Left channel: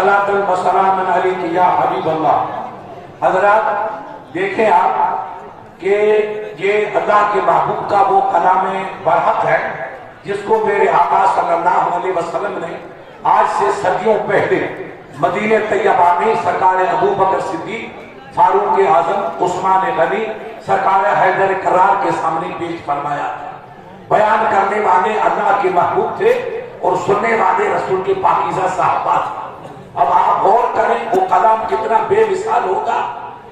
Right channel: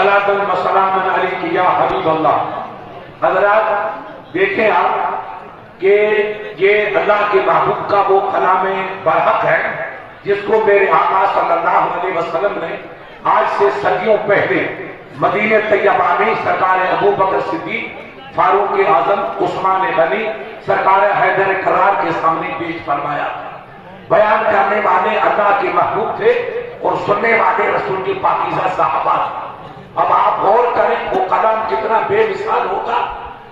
صلاۃ و سلام علیک یا حبیب اللہ۔ حضرات دیکھیں آپ کہ یہ اللہ کے محبوب کا وہ کلام برحق ہے جس کو میرے آقا صلی اللہ علیہ وسلم نے آج سے صدیوں پہلے مدینہ طیبہ میں سرکار ابو بکر صدیق، فاروق اعظم، عثمان غنی، سرکار حیدر کرار کے سامنے پیش فرمایا۔ بیان کرنے والے اللہ کے محبوب تھے اور سننے والے رسول کے پاکیزہ صحابہ تھے۔ اب آپ غور کریں وہ کلام کتنا بے مثال ہوگا۔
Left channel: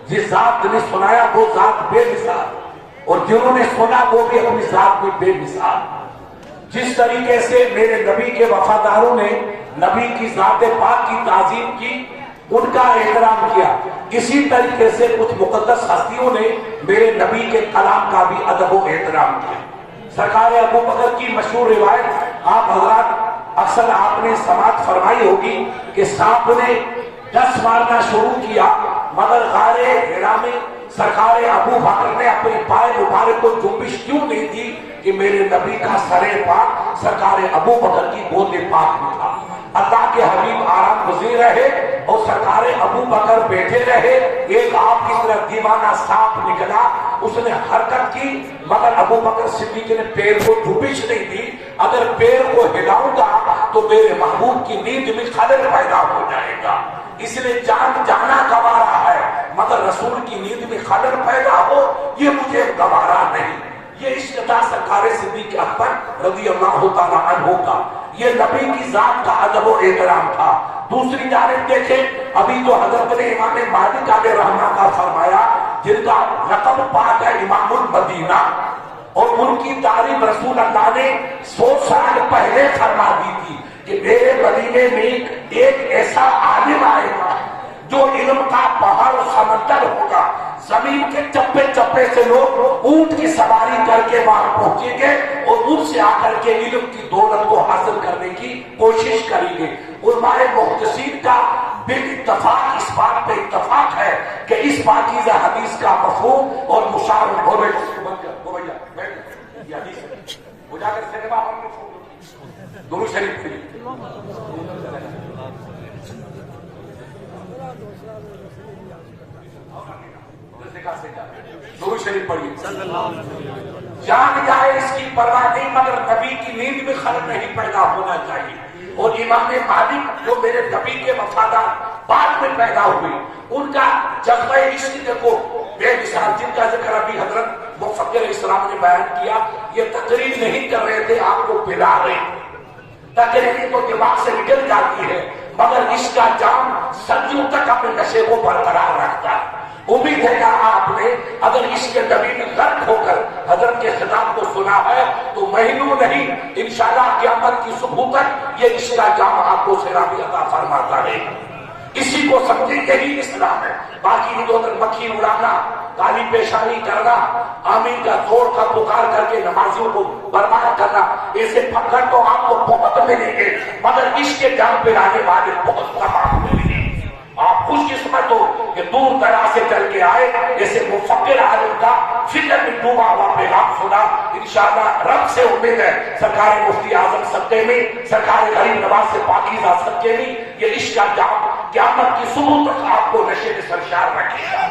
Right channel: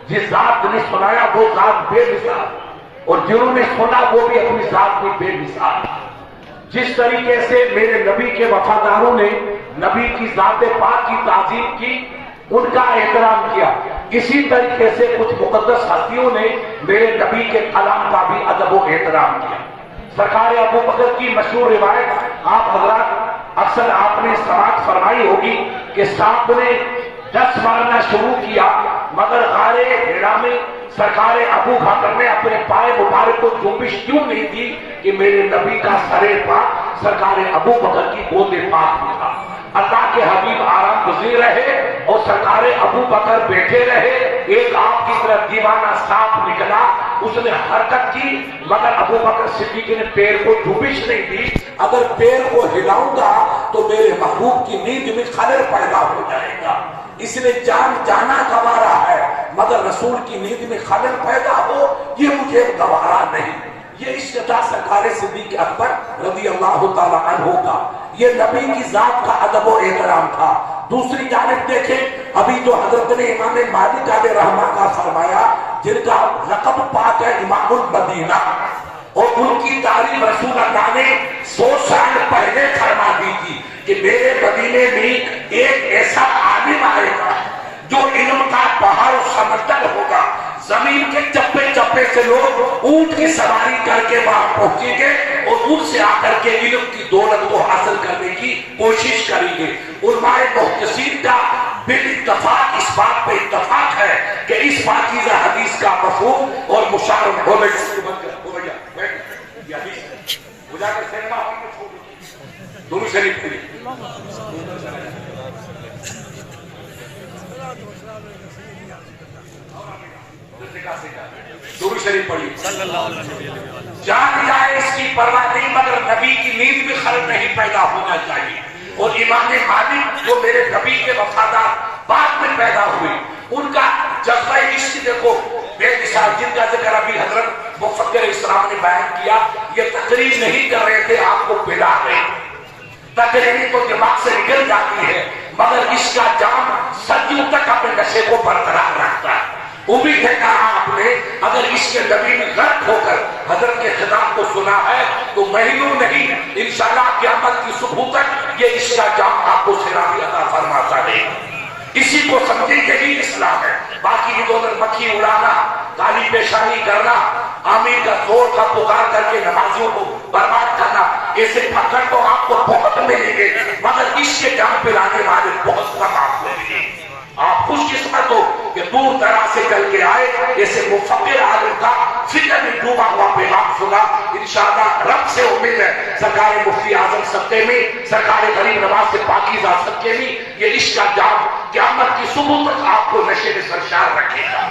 جس ذات نے سنایا وہ ذات بے مثال، اور جنہوں نے سنا وہ بھی اپنی ذات میں بے مثال۔ جس طریقے سے میرے نبی کے وفاداروں نے نبی کی ذات پاک کی تعظیم کی، ان کا احترام کیا، اسی طریقے سے کچھ مقدس ہستیوں نے میرے نبی کے کلام کا بھی ادب و احترام کیا۔ سرکار ابو بکر کی مشہور روایت آپ حضرات اکثر آپ نے سماعت فرمائی ہوگی کہ سانپ نے 10 مارنا شروع کیا، مگر غار ہیرا میں سرکار ابو بکر نے اپنے پائے مبارک کو جنبش کیوں نہیں دی کہ میرے نبی کا سر پاک سرکار ابو بکر کی گود پاک میں تھا۔ اللہ کے حبیب آرام گزیر رہے اور سرکار ابو بکر بیٹھے رہے۔ ایک آپ کی طرف دیوانہ سانپ نکلا، اس نے حرکت کی، مگر ابو بکر صدیق نے پیر کو جنبش نہیں دی۔ اگر پیر کو ہلاؤں گا تو میرے محبوب کی نیند میں خلل پیدا ہو جائے گا، اس لیے جان جانا گوارا ہے، مگر رسول کی نیند میں خلل پیدا ہو یہ مجھے گوارا نہیں۔ یہ عشق تھا سرکار صدیق اکبر رضی اللہ تعالیٰ عنہ کا، یہ نبی کی ذات کا ادب و احترام تھا۔ دوسری جانب دیکھیں، ابھی جو حضرت نے امام مالک علیہ رحمہ کا فرمایا، جن کا لقب پاک ہے امام المدینہ، اور ان کی تعریف رسول اللہ نے 100 سال پہلے فرما دی تھی کہ میرے مدینے میں ایک ایسا عالم آئے گا جو علم کا پہاڑ و سمندر ہوگا، زمین کے چپے چپے سے لوگ اونٹ کی سواری کر کے وہاں پہنچیں گے اور ان سے آ کر کے علم کی دولت کو حاصل کرنے کی کوشش کریں گے۔ علماء محدثین کا بالاتفاق اس بات پہ اتفاق ہے کہ اس پاکیزہ حدیث کا مفہوم اور مشار ہو دونوں شریف تھی۔ درود شریف پڑھی صلی اللہ علیہ وسلم۔ جان جائے اس کی پرواہ نہیں، مگر نبی کی نیند میں خلل نہیں پیدا ہونا چاہیے۔ اور امام مالک جو میرے نبی کے وفادار بعد میں پیدا ہوئے، ان کا جذبہ عشق دیکھو بے مثال، جن کا ذکر ابھی حضرت مفکر اسلام نے بیان کیا۔ یہ تقریر نہیں کر رہے تھے، آپ کو پلا رہے، تقریر تو دماغ سے نکل جاتی ہے، مگر اس کا جام صدیوں تک اپنے نشے کو برقرار رکھتا ہے۔ امید ہے کہا آپ نے اگر اس کے نبی میں غرق ہو کر حضرت کے خطاب کو سنا ہے تو مہینوں نہیں، انشاءاللہ قیامت کی صبح تک یہ اس کا جام آپ کو سیرابی عطا فرماتا رہے گا۔ اسی کو سمجھے یہی اسلام ہے۔ باقی ادھر مکھی اڑانا، کالی پیشانی کرنا، آمین کا زور کا پکار کر کے نمازیوں کو برباد کرنا، ایسے پھکر تو آپ کو بہت ملیں گے، مگر اس کے جان پہ لانے والے بہت کم آپ کو ملیں گے۔ آپ خوش قسمت ہو کہ دور دراز سے چل کے آئے، ایسے مفکر عالم کا فکر میں ڈوبا ہوا پیغام سنا۔ انشاءاللہ رب سے امید ہے سرکار مفتی اعظم صدقے میں، سرکار غریب نواز سے پاکیزہ صدقے میں یہ عشق کا جام قیامت کی صبح تک آپ کو نشے میں سرشار رکھے گا۔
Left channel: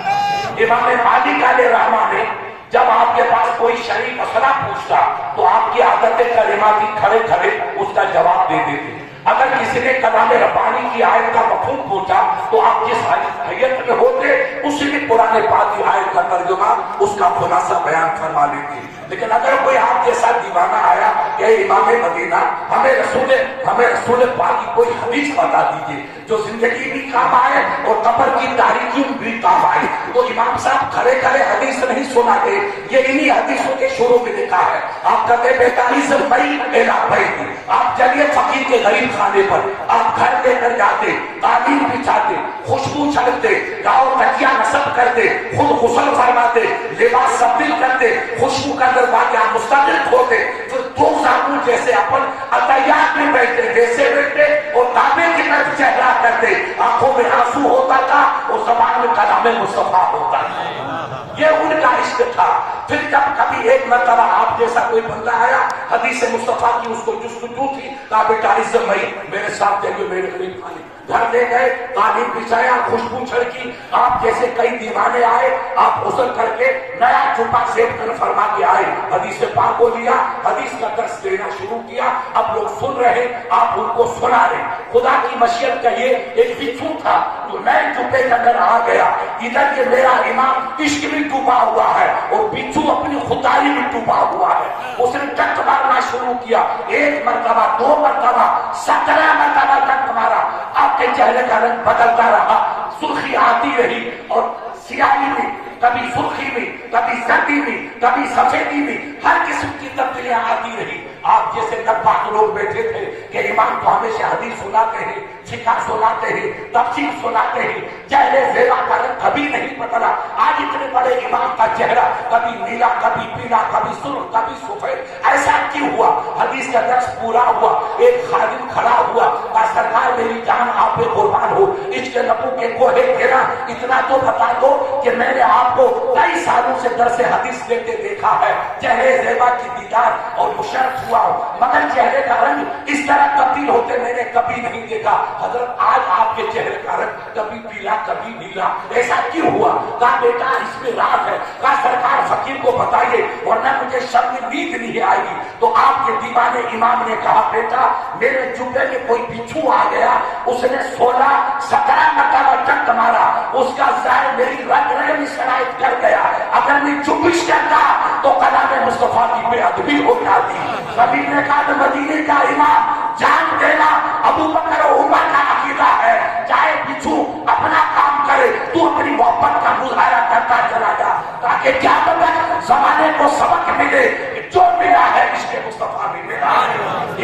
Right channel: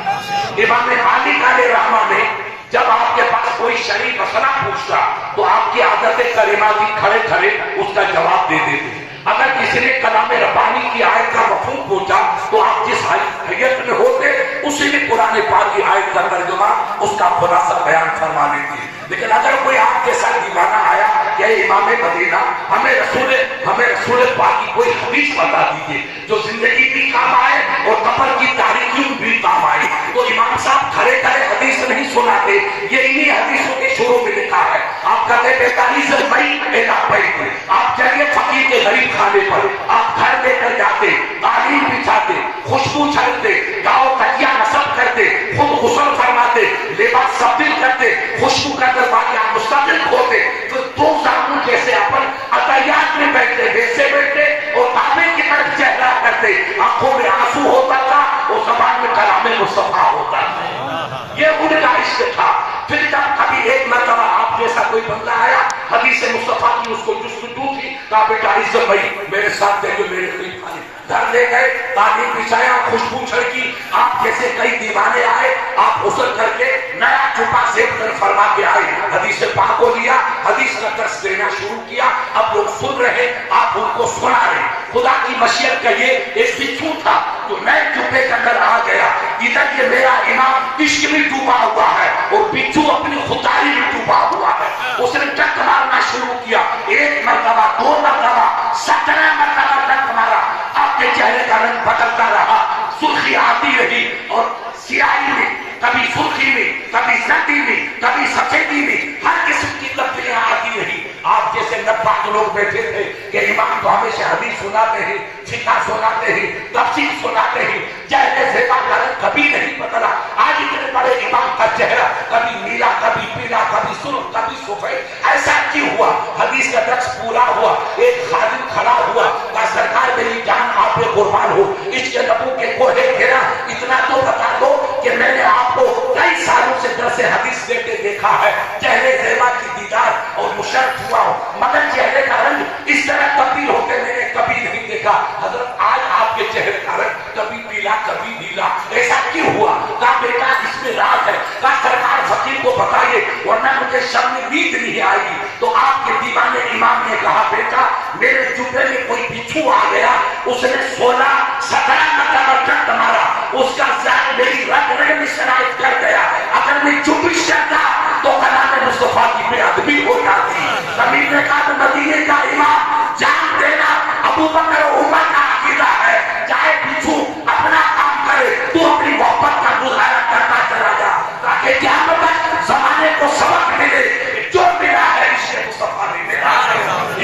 امام مالک علیہ رحمہ نے جب آپ کے پاس کوئی شریف مسئلہ پوچھتا تو آپ کی عادت کریمہ کی کھڑے کھڑے اس کا جواب دے دیتے۔ اگر کسی نے کلام ربانی کی آیت کا مفہوم پوچھا تو آپ جس حیثیت میں ہوتے اسی میں قرآن پاک کی آیت کا ترجمہ اس کا خلاصہ بیان فرما دیتے۔ لیکن اگر کوئی آپ کے ساتھ دیوانہ آیا کہ امام مدینہ ہمیں رسول پاک کی کوئی حدیث بتا دیجیے جو زندگی بھی کام آئے اور قبر کی تاریخیوں بھی کام آئے، تو امام صاحب کھڑے کھڑے حدیث نہیں سناتے، یہ انہی حدیثوں کے شروع میں لکھا ہے۔ آپ کہتے 45 مئی اعلان، آپ چلیے فقیر کے غریب خانے پر، آپ گھر لے کر جاتے، تعلیم بچھاتے، خوشبو چھڑکتے، گاؤں تکیا نصب کرتے، خود غسل فرماتے، لباس تبدیل کرتے، خوشبو کا دروازہ مستقل کھولتے، پھر دو زانوں جیسے اپن عطیات میں بیٹھتے، ویسے بیٹھتے اور کعبے کی طرف چہرہ کرتے، آنکھوں میں آنسو ہوتا تھا اور زبان میں کلام مصطفیٰ ہوتا تھا۔ یہ ان کا عشق تھا۔ پھر جب کبھی ایک مرتبہ آپ آپ جیسا کوئی بندہ آیا حدیث مصطفیٰ کی اس کو جستجو تھی، کہا بیٹا عزت بھائی میرے ساتھ چلیے میرے قریب آئے، گھر لے گئے، تعلیم بچھایا، خوشبو چھڑکی، آپ جیسے کئی دیوانے آئے، آپ غسل کر کے نیا چھپا زیب کر فرما کے آئے، حدیث پاک کو لیا، حدیث کا درس دینا شروع کیا، اب لوگ سن رہے، آپ ان کو سنا رہے۔ خدا کی مشیت کا یہ ایک بچھو تھا جو نئے جوتے کے اندر آ گیا، ادھر یہ میرا امام عشق میں ڈوبا ہوا ہے اور بچھو اپنی خدائی میں ڈوبا ہوا ہے۔ اس نے ٹک مارنا شروع کیا، ایک مرتبہ، دو مرتبہ، 17 مرتبہ ٹک مارا، آپ کے چہرے کا رنگ بدلتا رہا، سرخی آتی رہی اور سیاہی میں، کبھی سرخی میں، کبھی سردی میں، کبھی سفیدی میں، ہر قسم کی تبدیلیاں آتی رہی۔ آپ جیسے نبھاگ لوگ بیٹھے تھے کہ امام تو ہمیشہ حدیث سناتے ہیں، فقہ سناتے ہیں، تفسیر سناتے ہیں، چہرے زیبا کا رنگ کبھی نہیں بدلا۔ آج اتنے بڑے امام کا چہرہ کبھی نیلا، کبھی پیلا، کبھی سرخ، کبھی سفید، ایسا کیوں ہوا؟ حدیث کا درس پورا ہوا، ایک خادم کھڑا ہوا، کہا سرکار میری جان آپ پہ قربان ہو، اس کے نبو کے کوہے گھیرا، اتنا تو بتا دو کہ میں نے آپ کو کئی سالوں سے درس حدیث دیتے دیکھا ہے، چہرے زیبا کی دیدار اور مشرف ہوا ہوں، مگر چہرے کا رنگ اس طرح تبدیل ہوتے میں نے کبھی نہیں دیکھا۔ حضرت آج آپ کے چہرے کا رنگ کبھی پیلا کبھی نیلا، ایسا کیوں ہوا؟ کہا بیٹا اس میں راز ہے۔ کہا سرکار فقیر کو بتائیے ورنہ مجھے شب میں نیند نہیں آئے گی۔ تو آپ کے دیوانے امام نے کہا بیٹا میرے جوبے میں کوئی بچھو آ گیا، اس نے 17 مرتبہ ٹک مارا، اس کا زہر میری رگ رگ میں شرائط کر گیا، اگر میں چوبیس کرتا تو کلام مصطفیٰ کی بے ادبی ہو جاتی۔ نبی نے کہا مدینے کا امام جان دینا ابو بکر و عمر کا عقیدہ ہے، چاہے بچھو اپنا کام کرے تو اپنی محبت کا مظاہرہ کرتا چلا جا، تاکہ کیا پتہ زمانے کو سبق ملے جو ملا ہے عشق مصطفیٰ نے ملا۔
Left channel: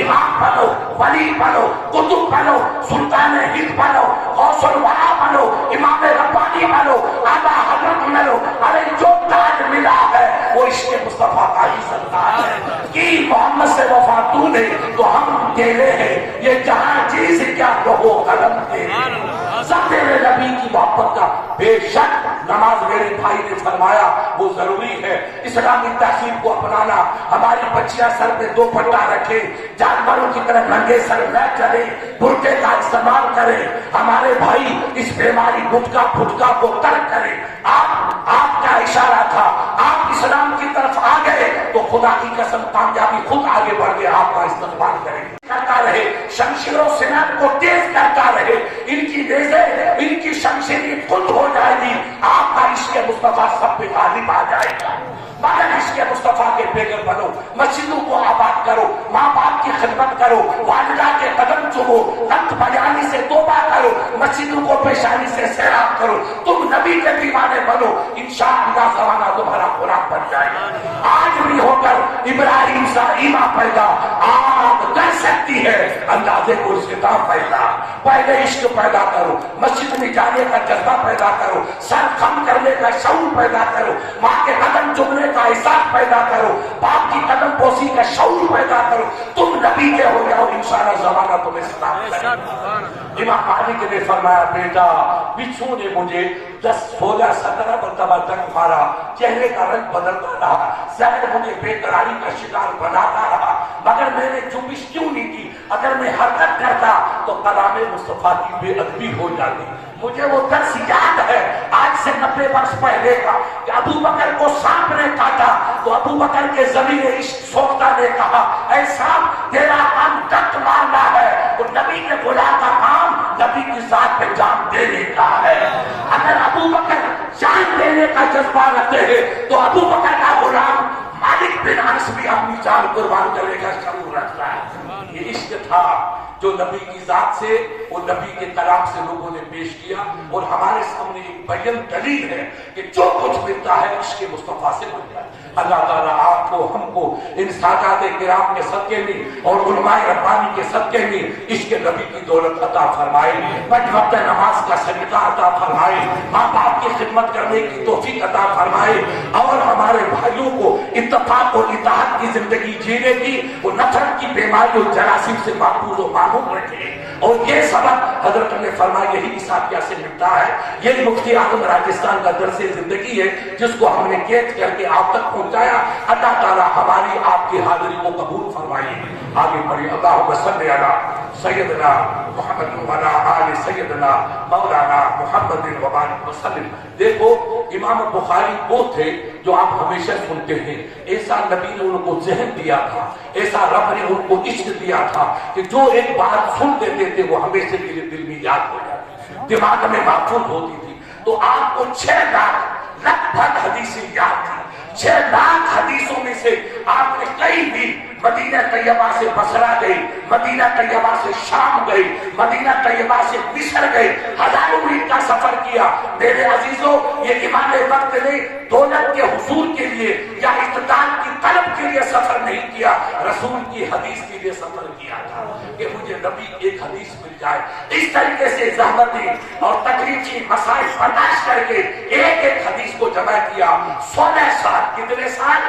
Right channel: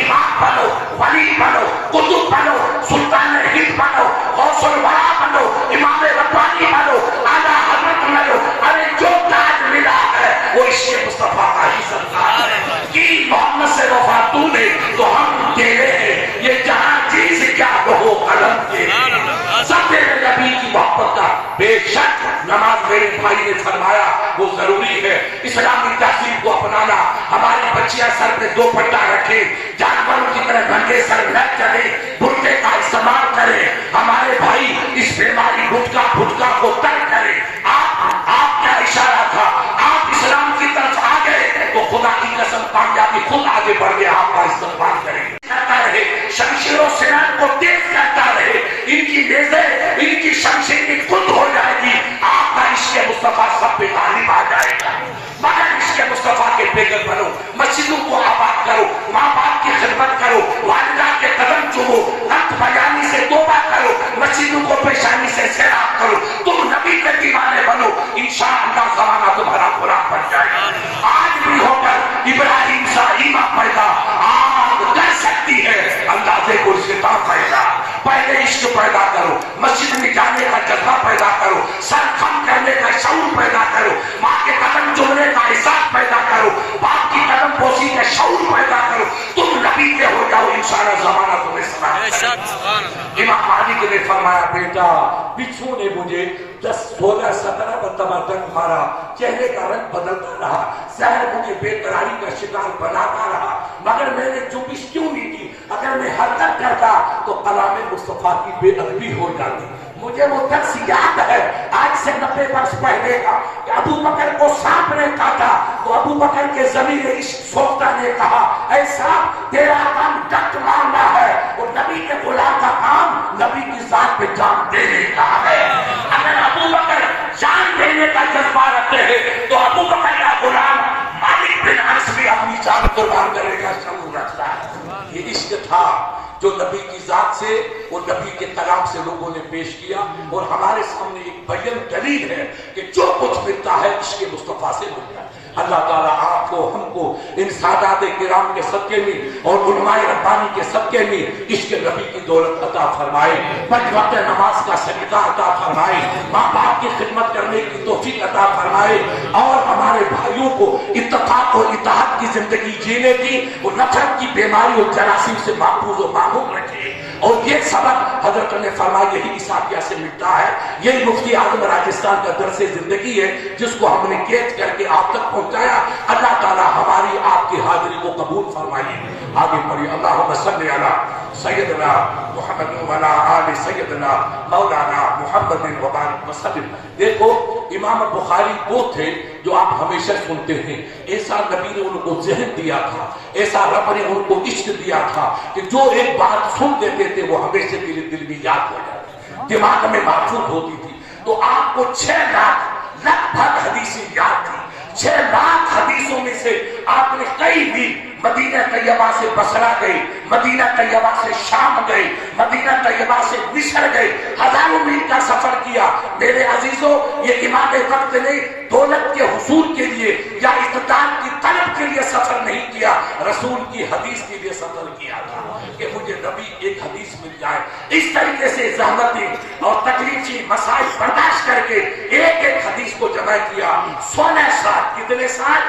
امام بنو، ولی بنو، قطب بنو، سلطان ہند بنو، غوث الورا بنو، امام ربانی بنو، اعلیٰ حضرت بنو، ارے جو تاج ملا ہے وہ عشق مصطفیٰ کا ہی سرکار ہے۔ کی محمد سے وفا تو نے تو ہم تیرے ہیں، یہ جہاں چیز کیا رہو قلم تیرے، سب تیرے نبی کی محبت کا۔ بے شک نماز میرے بھائی نے فرمایا وہ ضروری ہے، اسلامی تہذیب کو اپنانا، ہماری بچیاں سر پہ دوپٹہ رکھے، جانوروں کی طرح ننگے سر نہ چلے، برقعے کا استعمال کرے، ہمارے بھائی اس بیماری گٹکا پھٹکا کو ترک کرے۔ آپ کا اشارہ تھا، آپ اسلام کی طرف آ گئے تو خدا کی قسم کامیابی خود آگے بڑھ گئے، آپ کا استقبال کریں کرتا رہے، شمشیر و سنان کو تیز کرتا رہے، ان کی نیزیں، ان کی شمشیر خود ہو جائے گی، آپ کا عشق مصطفیٰ سب پہ غالب آ جائے گا۔ مگر عشق مصطفیٰ کے پیغل بنو، مسجدوں کو آباد کرو، ماں باپ کی خدمت کرو، والدہ کے قدم چومو، حق بیانی سے توبہ کرو، مسجدوں کو پیشانی سے سیراب کرو، تم نبی کے دیوانے بنو، انشاءاللہ زمانہ تمہارا قرآن بن جائے گا۔ آج بھی ہو کر ابراہیم سا ایمان پیدا آگ کر سکتی ہے، اندازے کو اس کے بعد پیدا۔ پہلے عشق پیدا کرو، مسجد میں جانے کا جذبہ پیدا کرو، سر خم کرنے کا شعور پیدا کرو، ماں کے قدم چومنے کا احساس پیدا کرو، باپ کی قدم بوسی کا شعور پیدا کرو، تم نبی کے ہو جاؤ، انشاءاللہ زمانہ تمہیں سلام کرے۔ امام مالک نے فرمایا بیٹا بچھو نے مجھے 10، 16، 17 مرتبہ ڈنگ مارا، چہرے کا رنگ بدلتا رہا، زہر مجھے بے قراری کا شکار بناتا رہا، مگر میں نے چوبیس کیوں نہیں کی؟ اگر میں حرکت کرتا تو کلام مصطفیٰ کی بے ادبی ہو جاتی۔ مجھے وہ درس یاد ہے آج سے 90 برس پہلے کا کہ ابو بکر کو سانپ نے کاٹا تو ابو بکر کے ضمیر عشق سوختہ نے کہا اے سانپ تیرا کام ڈنک مارنا ہے، اور نبی کے غلام کا کام نبی کی ذات پہ جان دینے کا ہے۔ اگر ابو بکر جان دینے کا جذبہ رکھتے ہیں تو ابو بکر کا غلام مالک بن انس بھی اپنی جان قربان کرنے کا شعور رکھتا ہے۔ یہ عشق تھا جو نبی کی ذات سے اور نبی کے کلام سے لوگوں نے پیش کیا، اور ہمارے سامنے ایک بیان دلیل ہے کہ جو کچھ ملتا ہے عشق مصطفیٰ سے ملتا ہے۔ اللہ تعالیٰ آپ کو ہم کو ان سادات کرام کے صدقے میں اور علماء ربانی کے صدقے میں عشق نبی کی دولت عطا فرمائے، پنج وقت نماز کا سلیقہ عطا فرمائے، ماں باپ کی خدمت کرنے کی توفیق عطا فرمائے، اور ہمارے بھائیوں کو اتفاق اور اتحاد کی زندگی جینے کی اور نفرت کی بیماری اور جراثیم سے محفوظ و معصوم رکھے، اور یہ سبق حضرت نے فرمایا یہی عیسیٰ سے ملتا ہے. یہ مفتی اعظم راجستھان کا درس زندگی ہے جس کو ہم نے کیچ کر کے آپ تک پہنچایا. اللہ تعالیٰ ہماری آپ کی حاضری کو قبول فرمائیے. آگے پڑھیے. اللہم صلی علی سیدنا محمد وعلی آل سیدنا مولانا محمد وبارک وسلم. دیکھو امام بخاری وہ تھے جو آپ ہمیشہ سنتے ہیں. ایسا نبی نے ان کو ذہن دیا تھا, ایسا رب نے ان کو عشق دیا تھا کہ جو ایک بات سن دیتے تھے وہ ہمیشہ کے لیے دل میں یاد ہو جاتی, دماغ میں محفوظ ہوتی تھی. تو آپ کو 6 لاکھ لگ بھگ حدیثیں یاد تھی. 6 لاکھ حدیثوں میں سے آپ نے کئی بھی مدینہ طیبہ سے بصرہ گئے, مدینہ طیبہ سے شام گئے, مدینہ طیبہ سے مصر گئے, ہزاروں میل کا سفر کیا. میرے عزیزوں یہ امام وقت نے دولت کے حصول کے لیے یا اقتدار کی طلب کے لیے سفر نہیں کیا, رسول کی حدیث کے لیے سفر کیا تھا کہ مجھے نبی ایک حدیث مل جائے. اس طریقے سے زحمتیں اور تکلیفی مسائل برداشت کر کے ایک ایک حدیث کو جمع کیا. 16 سال, کتنے سال؟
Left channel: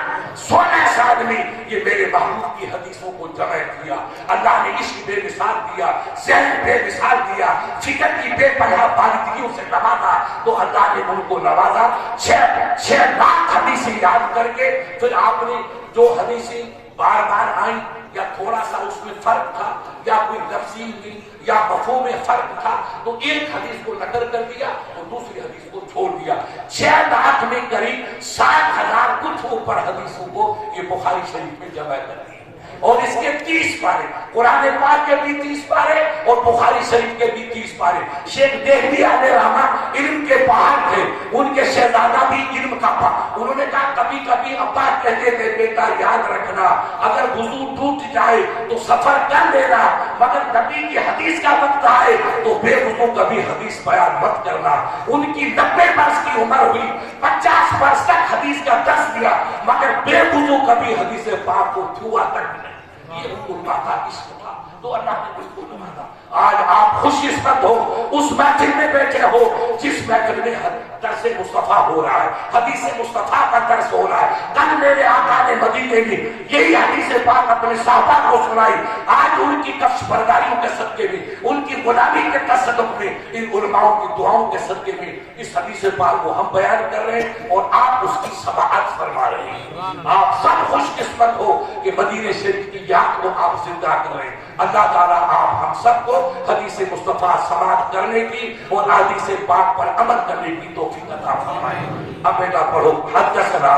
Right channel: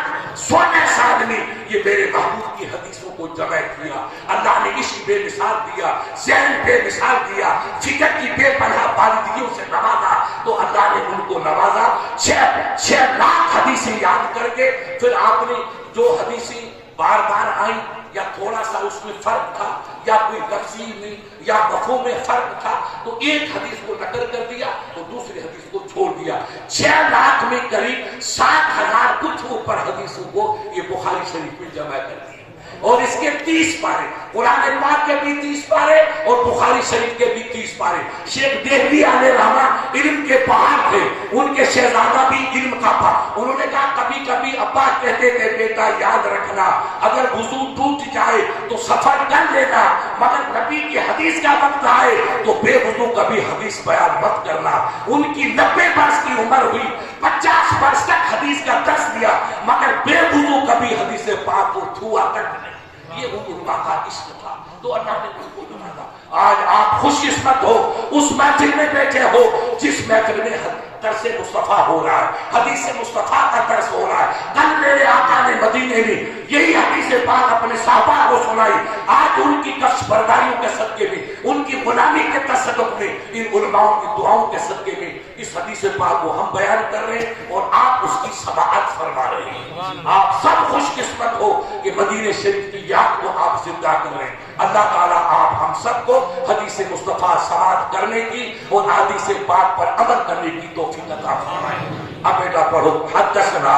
16 سال میں یہ میرے محبوب کی حدیثوں کو جمع کیا. اللہ نے عشق بے مثال دیا, ذہن بے مثال دیا, فکر کی بے پناہ بالندگیوں سے نوازا. تو اللہ نے ان کو نوازا. 6 لاکھ حدیثیں یاد کر کے پھر آپ نے جو حدیثیں بار بار آئیں یا تھوڑا سا اس میں فرق تھا یا کوئی تفصیل نہیں یا مفہوم میں فرق تھا تو ایک حدیث کو نقل کر دیا اور دوسری حدیث کو چھوڑ دیا. 6 لاکھ میں قریب 60,000 کچھ اوپر حدیثوں کو یہ بخاری شریف میں جمع کر دیا. اور اس کے 30 پارے, قرآن پاک کے بھی 30 پارے اور بخاری شریف کے بھی 30 پارے. شیخ دہلوی علیہ رحمہ علم کے پہاڑ تھے, ان کے شہزادہ بھی علم کا تھا. انہوں نے کہا کبھی کبھی ابا کہتے تھے بیٹا یاد رکھنا اگر وضو ٹوٹ جائے تو سفر کر لینا, مگر نبی کی حدیث کا وقت آئے تو بے وضو کبھی حدیث بیان مت کرنا. ان کی 90 برس کی عمر ہوئی, 50 برس تک حدیث کا درس دیا مگر بے وضو کبھی حدیث پاک کو چھوا تک نہیں. یہ حکم کا عشق تھا تو اللہ نے ان کو نوازا. آج آپ خوش قسمت ہو, اس محفل میں بیٹھے ہو جس محفل میں درس مصطفیٰ ہو رہا ہے, حدیث مصطفیٰ کا درس ہو رہا ہے. کل میرے آقا نے مدینے میں یہی حدیث پاک اپنے صحابہ کو سنائی. آج ان کی کش برداریوں کے صدقے میں, ان کی غلامی کے تصدق میں, ان علماؤں کی دعاؤں کے صدقے میں اس حدیث پاک کو ہم بیان کر رہے ہیں اور آپ اس کی سماعت فرما رہے ہیں. آپ سب خوش قسمت ہو کہ مدینے شریف کی یاد کو آپ زندہ کر رہے ہیں. اللہ تعالیٰ آپ ہم سب کو حدیث مصطفیٰ سماعت کرنے کی اور حدیث پاک پر عمل کرنے کی توفیق عطا فرمائے. اب بیٹا پڑھو. حدثنا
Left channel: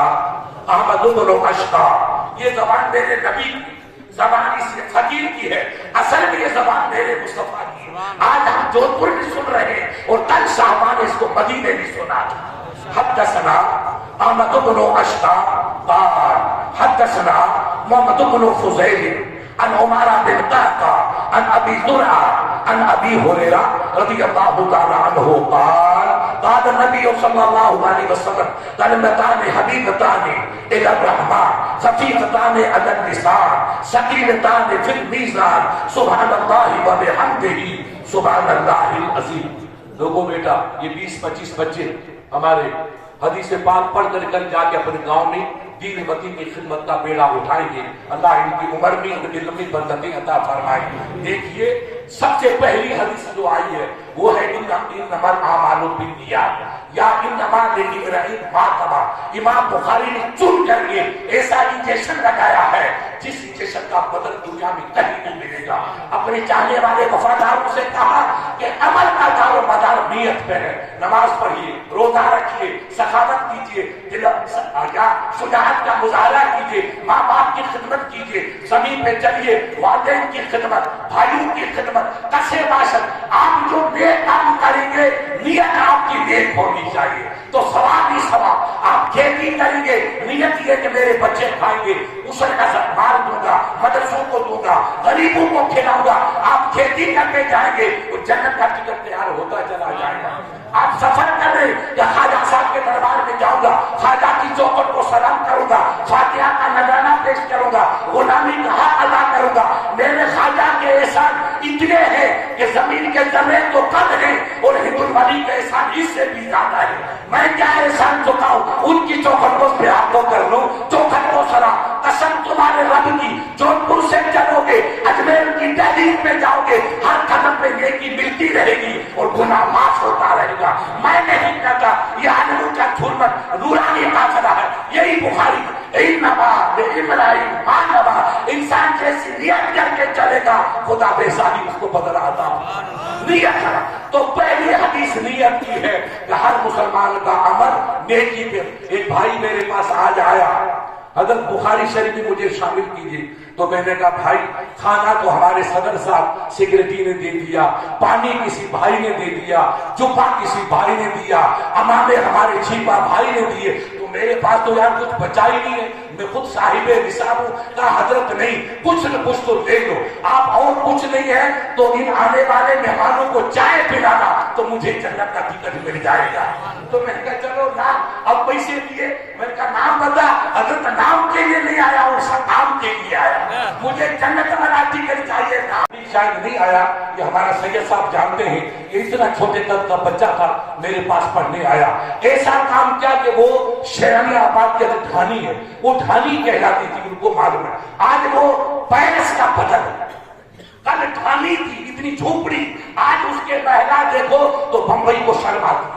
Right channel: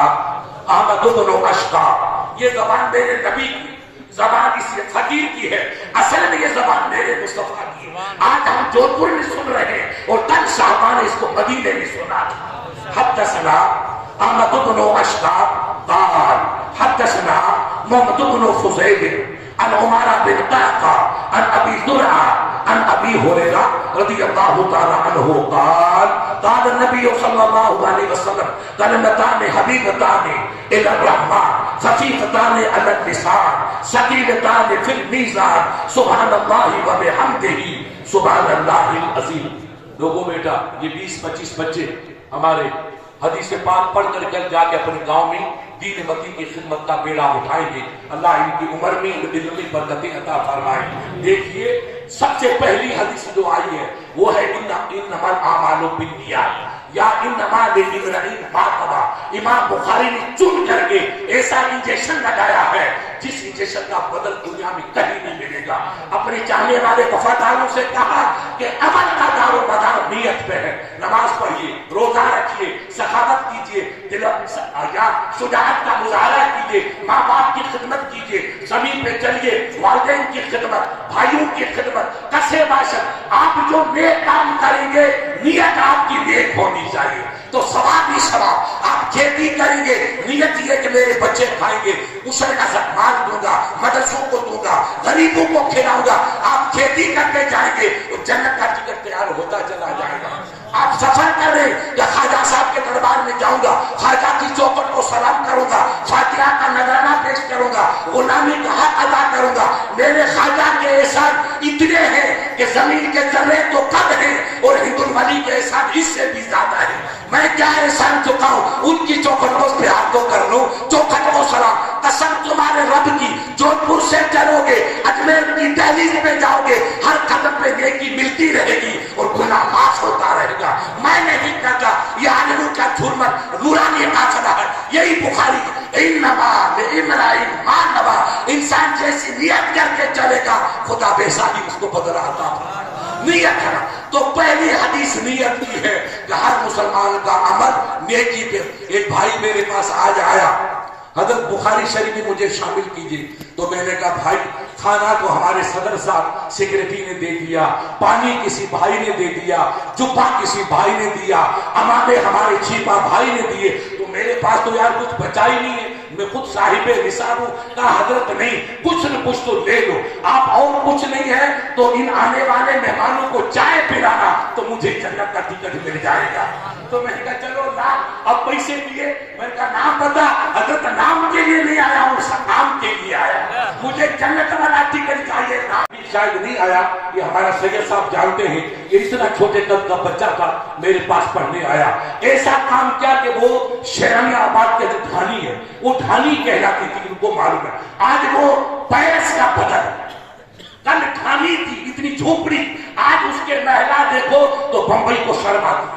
احمد بن اشقا, یہ زبان میرے نبی کی زبان اس فقیر کی ہے, اصل میں یہ زبان میرے مصطفیٰ کی ہے. آج ہم جودھپور میں سن رہے ہیں اور کل صحابہ نے اس کو مدینے میں سنا. حدثنا احمد بن اشقا قال حدثنا محمد بن فضیل عن عمارة بن قعقاع عن ابي زرعة عن ابي هريرة رضي الله تعالى عنه قال قال النبي صلى الله عليه وسلم كلمتان حبيبتان الى الرحمن خفيفتان على اللسان ثقيلتان في الميزان سبحان الله وبحمده سبحان الله العظيم. لوگوں بیٹا یہ 20-25 بچے ہمارے حدیث پاک پڑھ کر کل جا کے اپنے گاؤں میں دین متی کی خدمت کا بیڑا اٹھائیں گے. اللہ ان کی عمر میں ان کی علمی برکتیں عطا فرمائے. دیکھیے سب سے پہلی حدیث جو آئی ہے وہ ہے انما الاعمال بالنیات یا انما لامرئ ما نوى. امام بخاری نے چن کر کے ایسا انجیکشن لگایا ہے جس انجیکشن کا بدل دنیا میں کہیں نہیں ملے گا. اپنے چاہنے والے وفاداروں سے کہا کہ عمل کا دار و مدار نیت پہ ہے. نماز پڑھیے, روزہ رکھیے, سخاوت کیجیے, شجاعت کا مظاہرہ کیجیے, ماں باپ کی خدمت کیجیے, زمین پہ چلیے, والدین کی خدمت, بھائیوں کی خدمت, کسے باشد. آپ جو نیک کام کریں گے نیت آپ کی نیک ہونی چاہیے تو ثواب ہی ثواب. آپ کھیتی کریں گے نیت یہ کہ میرے بچے کھائیں گے, اسر کا مال دوں گا, مدرسوں کو دوں گا, غریبوں کو کھلاؤں گا. آپ کھیتی کر کے جائیں گے تو جنت کا ٹکٹ تیار ہوتا چلا جائے گا. آپ سفر کر رہے ہیں یا خواجہ صاحب کے دربار میں جاؤں گا, خواجہ کی چوکھٹ کو سلام کروں گا, فاتحہ کا نذرانہ پیش کروں گا, غلامی کا حق ادا کروں گا. میرے خواجہ کے احسان اتنے ہیں کہ زمین کے ذرے تو کم ہیں اور ہند الولی کے احسان اس سے بھی زیادہ ہے. میں کیا احسان چکاؤں, ان کی چوکھٹوں پہ ہاتھوں کر لوں, چوکھٹ کو سلام. قسم تمہارے رب کی, جودھپور سے چلو گے, اجمیر کی دہلی دہلیز میں جاؤ گے ہر قدم پہ نیکی ملتی رہے گی اور گناہ معاف ہوتا رہے گا. میں نہیں کہتا یہ عالموں کا جھرمٹ نورانی قاصدہ ہے. یہی بخاری انسان جیسی نیت کر کے چلے گا خدا بے ساری اس کو بدلا عطا نیت ہے. تو پہلی حدیث نیت کی ہے کہ ہر مسلمان کا عمل نیکی پہ. ایک بھائی میرے پاس آج آیا, حضرت بخاری شریف میں مجھے شامل کیجیے. تو میں نے کہا بھائی کھانا تو ہمارے صدر صاحب سیکریٹری نے دے دیا, پانی کسی بھائی نے دے دیا, جبہ کسی بھائی نے دیا, امامے ہمارے چھیپا بھائی نے دیے, تو میرے پاس تو یار کچھ بچا ہی نہیں ہے. میں خود صاحب نصاب ہوں. کہا حضرت نہیں, کچھ نہ کچھ تو لے لو. آپ اور کچھ نہیں ہے تو ان آنے والے مہمانوں کو چائے پلانا تو مجھے جنت کا ٹکٹ مل جائے گا. تو میں نے کہا چلو نام, اب پیسے دیے. میں نے کہا نام بتا. حضرت نام کے لیے نہیں آیا ہوں, سب نام کے لیے آیا, مجھے جنت والا ٹکٹ چاہیے. نام شاید نہیں آیا. یہ ہمارا سید صاحب جانتے ہیں, یہ اتنا چھوٹے قد کا بچہ تھا, میرے پاس پڑھنے آیا. ایسا کام کیا کہ وہ شیرانی آباد کا جو ڈھانی ہے وہ ڈھانی کہلاتی تھی, ان کو معلوم ہے. آج وہ پیرس کا بدل, کل ڈھانی تھی اتنی جھوپڑی, آج اس کے محلہ دیکھو تو بمبئی کو شرم آتی.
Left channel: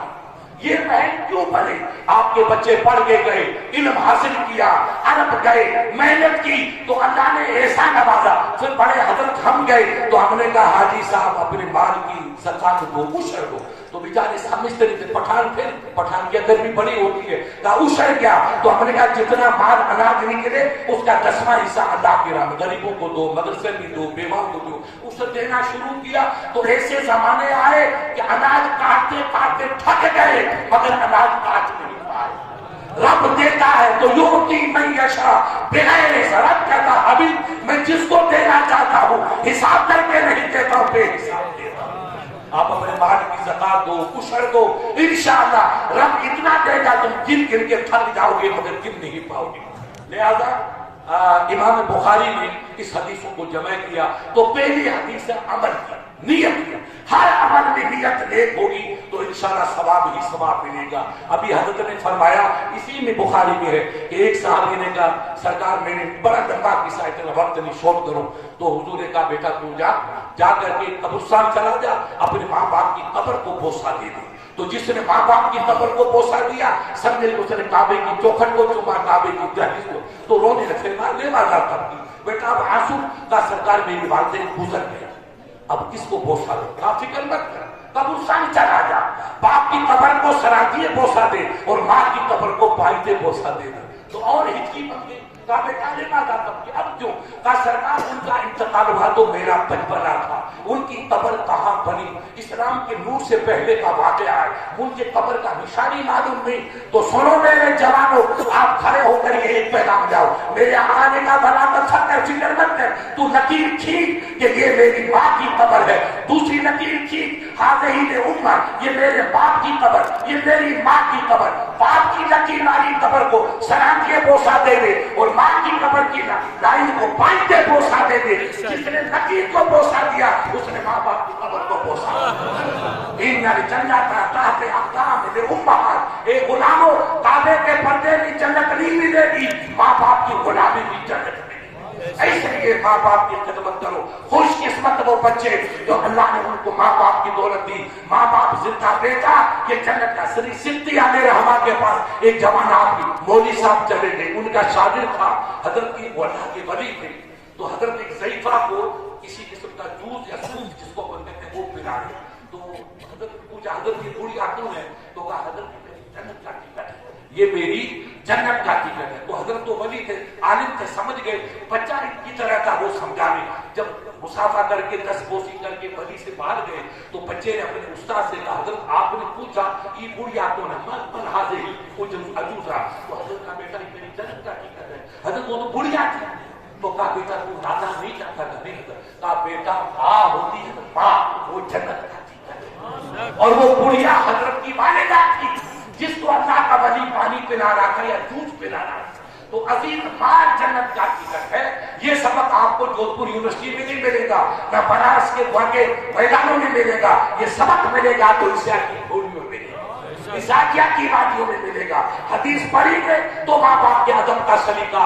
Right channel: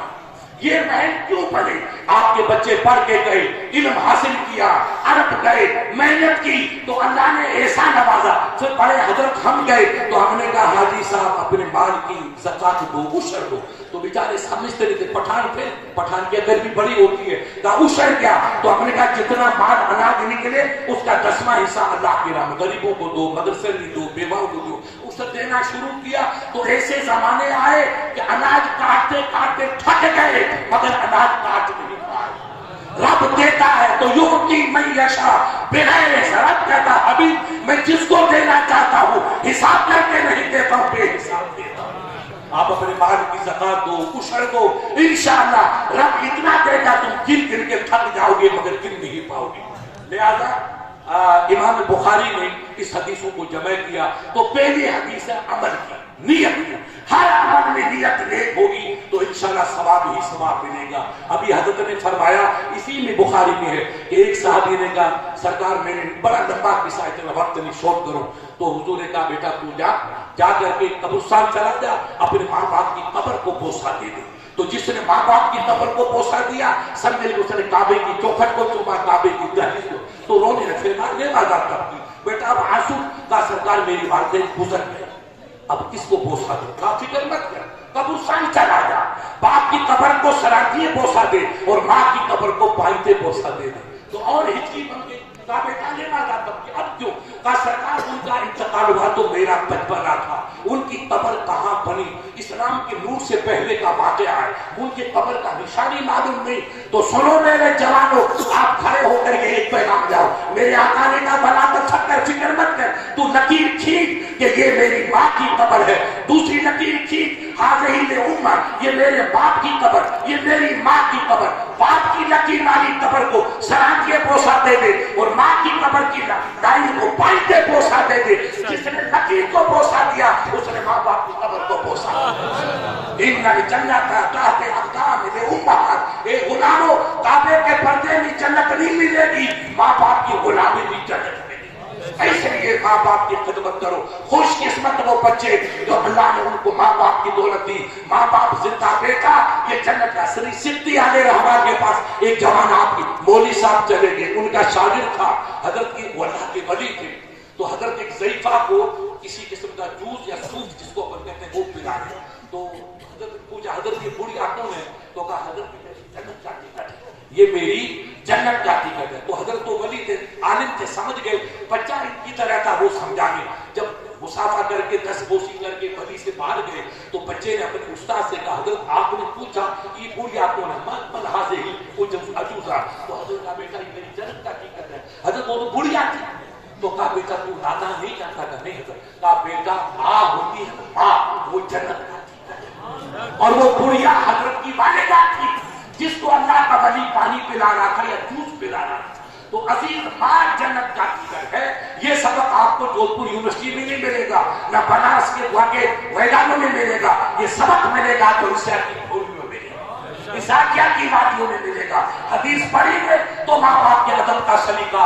یہ محل کیوں بنے؟ آپ کے بچے پڑھ کے گئے, علم حاصل کیا, عرب گئے, محنت کی, تو اللہ نے ایسا نوازا. پھر بڑے حضرت ہم گئے تو ہم نے کہا حاجی صاحب اپنے مال کی زکات دو, عشر دو. تو بیچارے سمجھتے نہیں تھے. پٹھان تھے, پٹھان کی گرمی بڑی ہوتی ہے, کہا عشر کیا؟ تو ہم نے کہا جتنا مال اناج نکلے اس کا 10واں حصہ اللہ کی راہ میں غریبوں کو دو, مدرسے بھی دو, بیواؤں کو دو. اسے دینا شروع کیا تو ایسے زمانے آئے کہ اناج کاٹتے کاٹتے تھک گئے مگر اناج کاٹ نہیں پائے. رب دیتا ہے تو یؤتی من یشاء بغیر حساب. رب کہتا ابھی میں جس کو دینا چاہتا ہوں حساب کر کے نہیں دیتا ہوں, بے حساب دیتا ہوں. آپ اپنے مال کی زکات دو, عشر دو, انشاءاللہ رب اتنا دے گا تم گر گر کے تھک جاؤ گے مگر گر نہیں پاؤ گے. لہذا امام بخاری نے اس حدیثوں کو جمع کیا. تو پہلی حدیث ہے عمل کی, نیت کی. ہر عمل میں نیت نیک ہوگی تو انشاءاللہ ثواب ہی ثواب ملے گا. ابھی حضرت نے فرمایا, اسی میں بخاری میں ہے کہ ایک صحابی نے کہا سرکار میں نے بڑا لمبا قصہ, اتنا وقت نہیں شورٹ کرو. تو حضور نے کہا بیٹا تو جا کر کے قبرستان چلا جا, اپنے ماں باپ کی قبر کو بوسہ دے دے. تو جس نے ماں باپ کی قبر کو بوسہ دیا, سمجھ لے اس نے کعبے کی چوکھٹ کو چوما, کعبے کی دہلیز کو, تو رونے لگے. لے بازار کرتی بیٹا اب آنسو کا سرکار میری والدین گزر گئے, اب کس کو بوسہ دو؟ کہا فکر مت کر, قبرستان چلا جا, باپ کی قبر کو سراجیے بوسہ دے اور ماں کی قبر کو پائتے بوسہ دے دے. تو اور ہچکی بن گئی. کہا بیٹا لے بازار کرتی, اب کیوں؟ کہا سرکار ان کا انتقال ہوا تو میرا بچپنا تھا, ان کی قبر کہاں بنی, اسلام کے نور سے پہلے کا واقعہ ہے, ان کی قبر کا نشانی معلوم نہیں. تو سنو میرے جوانوں, آپ کھڑے ہو کر کے ایک پیغام جاؤ. میرے آقا نے کہا بنا کر سب کر, فکر مت کر, تو لکیر کھینچ کہ یہ میری ماں کی قبر ہے. دوسری لکیر کھینچ, حاضرین امہ, یہ میرے باپ کی قبر, یہ میری ماں کی قبر. باپ کی لکیر والی قبر کو سلام کے بوسہ دے دے اور ماں کی قبر کی دائی کو پائتے بوسہ دے دے. جس نے لکیر کو بوسہ دیا اس نے ماں باپ کی قبر کو بوسہ دیا. جنت تحت اقدام امہات. اے غلاموں, کعبے کے پردے میں جنت نہیں ملے گی, ماں باپ کی غلامی بھی جنت ملے گی. اس لیے ماں باپ کی خدمت کرو. خوش قسمت وہ بچے جو اللہ نے ان کو ماں باپ کی دولت دی. ماں باپ زندہ بیٹا یہ جنت کا سری سدھی علیہ رحمہ کے پاس ایک جوان آپ کی مولوی صاحب چلے گئے, ان کا شاگرد تھا, حضرت کی اللہ کے ولی تھے. تو حضرت ایک ضعیفہ کو کسی قسم کا جوس یا سوپ جس کو کہتے ہیں وہ پلا دے. تو حضرت پوچھا, حضرت کی بوڑھی آنکھوں نے, تو کہا حضرت جنت کا ٹکٹ ہے, یہ میری جنت کا ٹکٹ ہے. تو حضرت تو ولی تھے, عالم تھے, سمجھ گئے. بچہ کی طرح تھا, وہ سمجھانے. جب مسافہ کر کے دس بوسی کر کے ولی سے باہر گئے تو بچے نے اپنے استاد سے کہا حضرت آپ نے پوچھا یہ بوڑھی آنکھوں نے من حاضر ہی کچھ عجوزہ. تو حضرت کا بیٹا یہ میری جنت کا ٹکٹ ہے. حضرت وہ تو بوڑھیا تھی. تو کہا بیٹا تو دادا نہیں جانتا تھا, نہیں کہا بیٹا ماں ہوتی ہے, ماں وہ جنت کا ٹکٹ ہے. اور وہ بڑھیا حضرت کی والدہ تھی جس کو اللہ کا ولی پانی پلا رہا تھا یا جوس پلا رہا تھا. تو عزیز ماں جنت کا ٹکٹ ہے. یہ سبق آپ کو جودھپور یونیورسٹی میں نہیں ملے گا, نہ بنارس کے وہاں کے میدانوں میں ملے گا. یہ سبق ملے گا تو اس ذاکیہ کی وادیوں میں ملے گا. حدیث پڑھی گے تو ماں باپ کے ادب کا سلیقہ,